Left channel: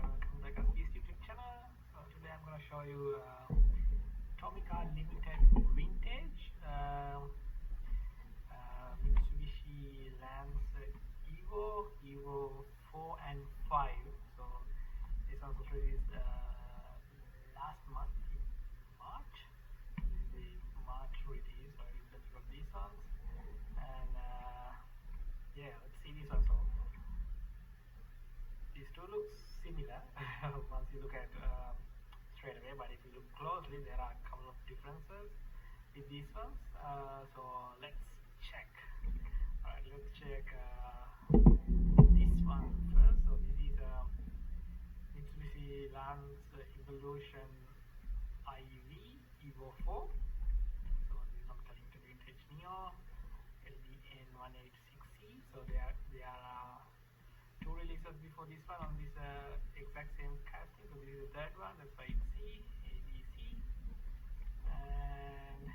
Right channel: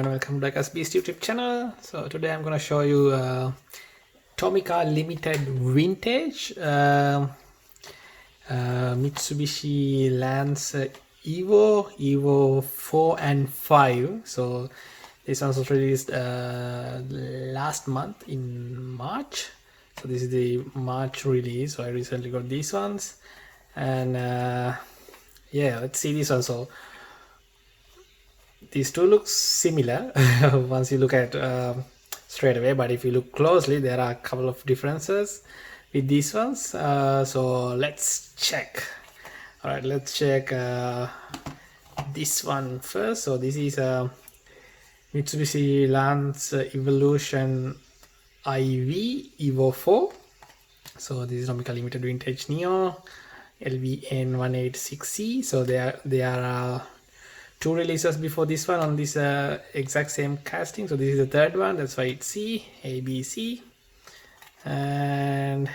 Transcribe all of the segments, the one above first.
everyone, welcome to Diecast YouTube channel. So today I'm going to show you Tomica limited vintage Mitsubishi Lancer Evo 4 and 5. So this one was released last month in March. So this is the March release. So I recently got these ones, and yeah, let's see this one. So these two look similar once you look at straight away, but if you look closely there are a couple of differences with these ones. So let's check. All right, let's check this one first. So this is Mitsubishi Lancer Evolution IV Evo 4. So this is Tomica limited vintage Neo LVN186C. So they are two releases before this one on this exact same casting. So this is the third one, that's why it's C, A, B, C. And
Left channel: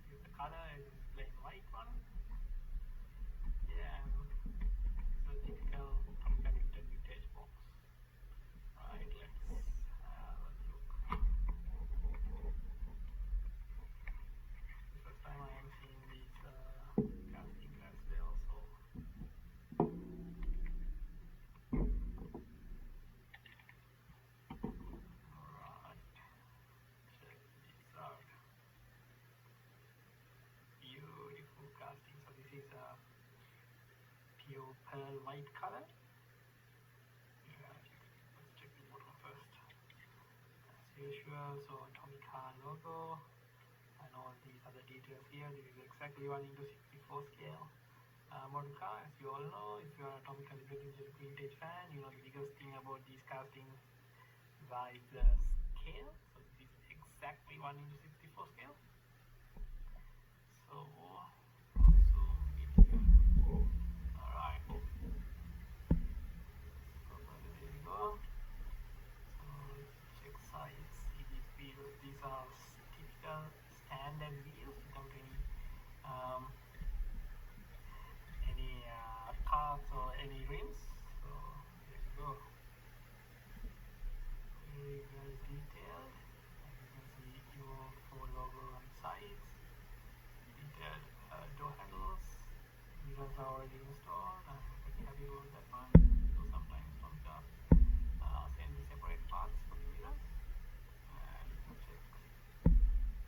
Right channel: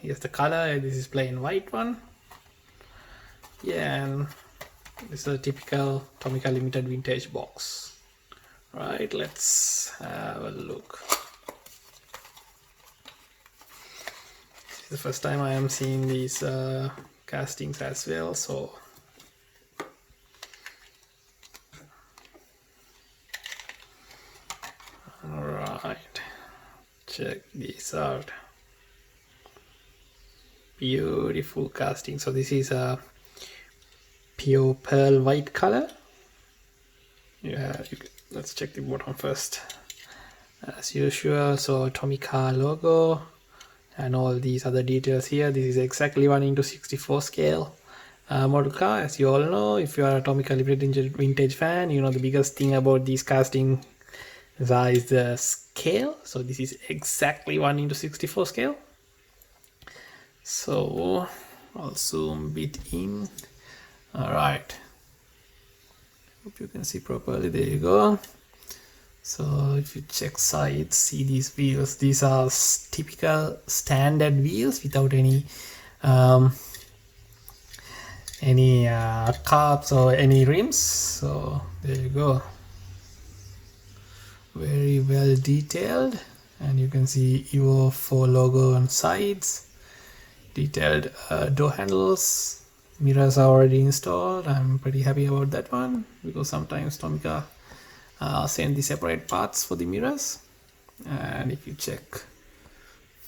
here's the color. This is plain white one. Yeah, and this is a typical Tomica limited vintage box. Right, let's have a look. This is the first time I am seeing these castings as well, so alright, check this out. Beautiful casting. So this is a pure pearl white color. Yeah, let's check the bottom first as usual. So Tomica logo and all these other details here. This is exactly 1:64 scale model car. As you all know, if you are a Tomica limited vintage fan, you know the biggest thing about these casting is the scale. So this is exactly 1:64 scale. So I'll zoom a bit in. All right, hope you can see properly. There you go. So if you check sides, see these wheels. These are typical standard wheels without any carbs or any rims. So there you go. Very well detailed, and you can see Evo 4 logo on sides. Detailed door handles. Mirrors are already installed. I'm pretty happy about that one because sometimes Tomica send the separate parts for the mirrors. And if you check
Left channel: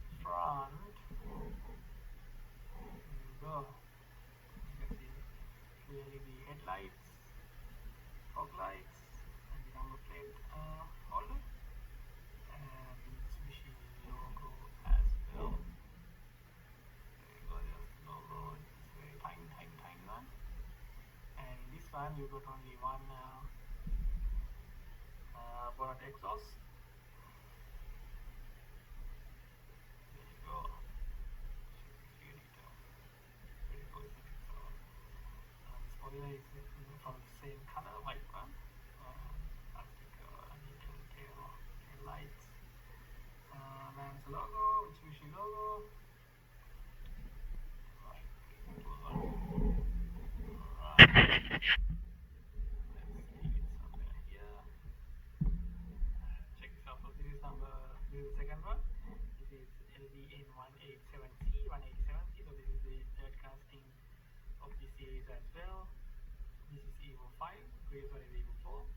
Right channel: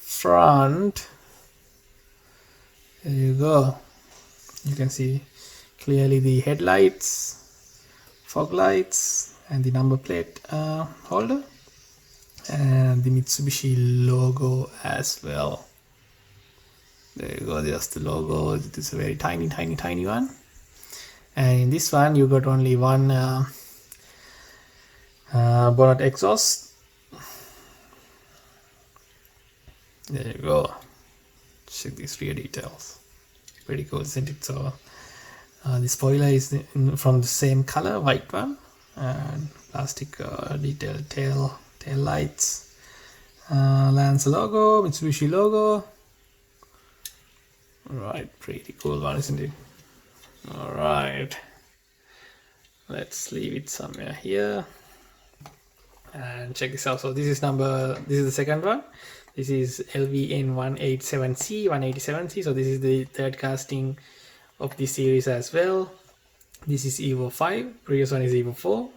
front, there you go. You can see clearly the headlights, fog lights, and the number plate holder, and the Mitsubishi logo as well. There you go, there's the logo. It is a very tiny one. And in this one you got only one bonnet exhaust. There you go. Check these rear details. Pretty cool, isn't it? So the spoiler is from the same color, white one, and plastic detailed tail lights, Lancer logo, Mitsubishi logo. Right, pretty cool one, isn't it? All right, let's leave it somewhere here and check this out. So this is the second one. This is LVN187C, 187C. So this is the third casting of this series as well. This is Evo 5. Previous one is Evo 4.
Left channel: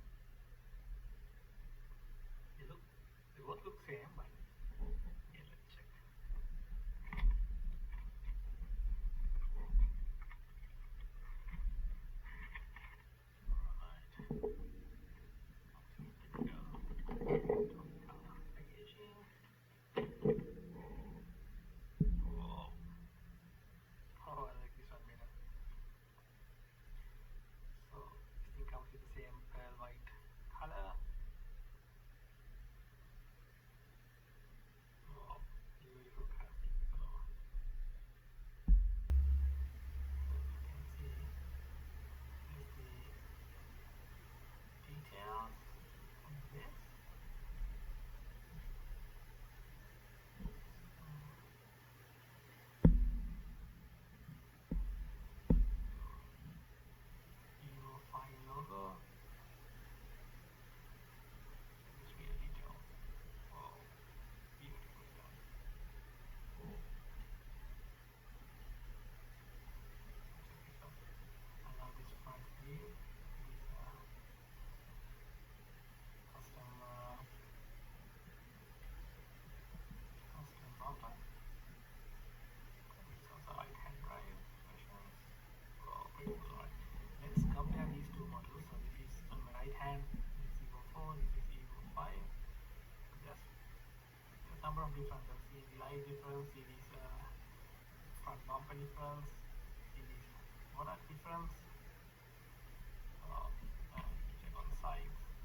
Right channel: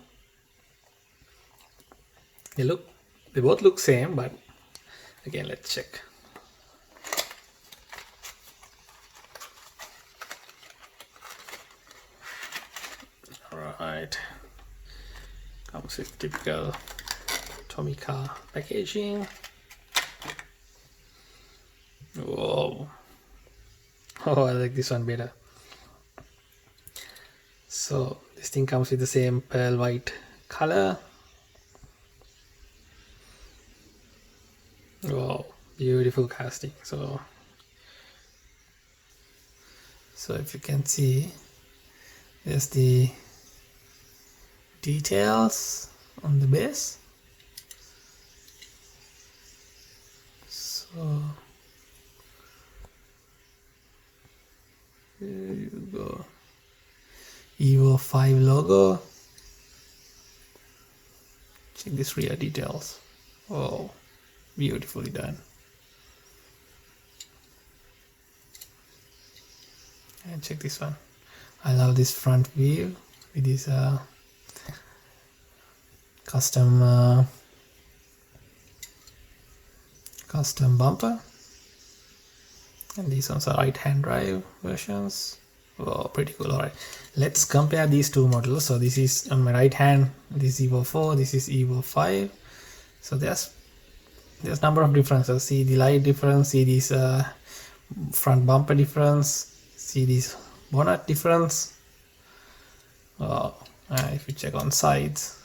They both look same, but again, let's check. Alright, comes with typical Tomica packaging. Whoa. Oh, I like this one better. So this thing comes with the same pearl white color. Wow, beautiful casting. So if you can see, there's the details on the base. So there you go. Evo 5 logo. Check this rear details. Oh, beautifully done. And check this one. I love this front view with this custom bumper, and these ones are right hand drive versions. Oh, pretty cool. Alright, let's compare these two models. So this is on my right hand, this is Evo 4, this is Evo 5. So there's number of differences. See the light difference, see this front bumper difference, see this bonnet difference. If you check on sides,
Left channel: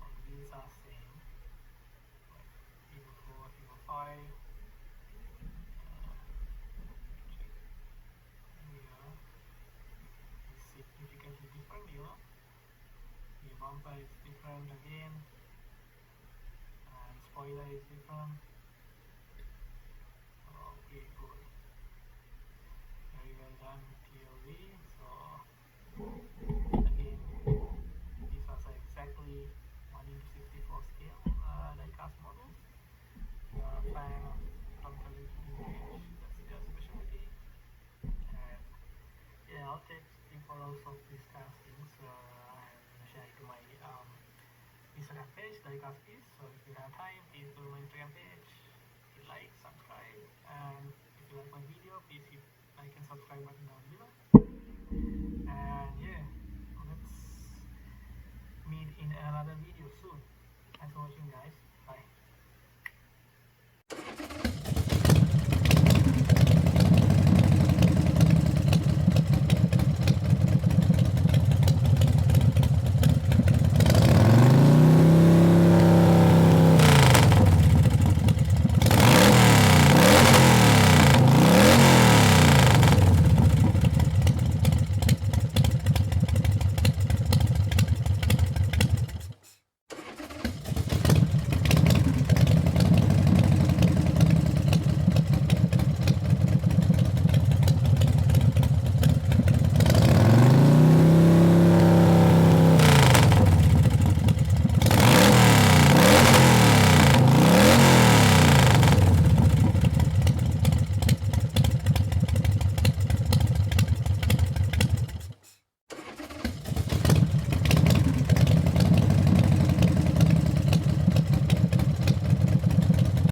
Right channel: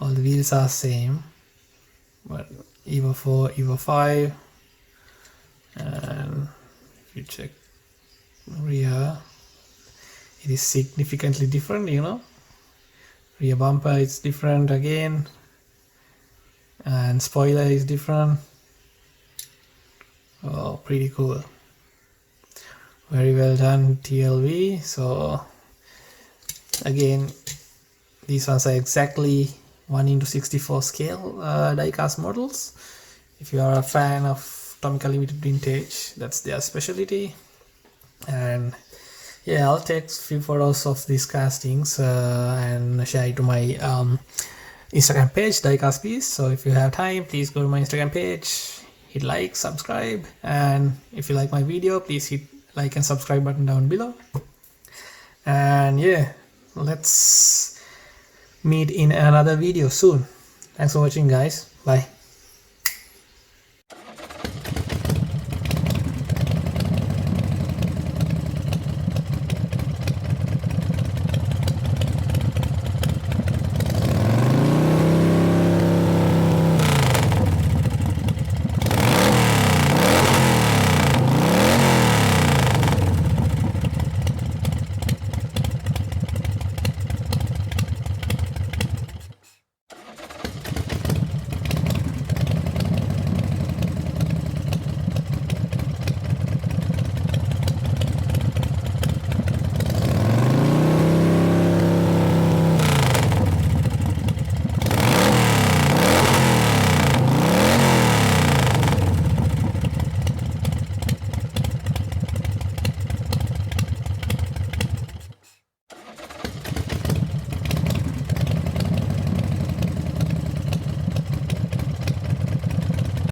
all the wheels are same, but Evo 4, Evo 5, and if you check rear, it is significantly different, you know. Rear bumper is different again, and spoiler is different. Oh, pretty cool. Very well done, TLV. So again, these ones are exactly 1:64 scale diecast models. If you are a fan of Tomica Limited Vintage, that's their specialty. And yeah, I'll take few photos of these castings and share it to my Instagram page, Diecast Piece. So if you have time, please go to my Instagram page, hit like, subscribe, and if you like my video, please hit like and subscribe button down below. And yeah, let's meet in another video soon. Thanks for watching, guys. Bye.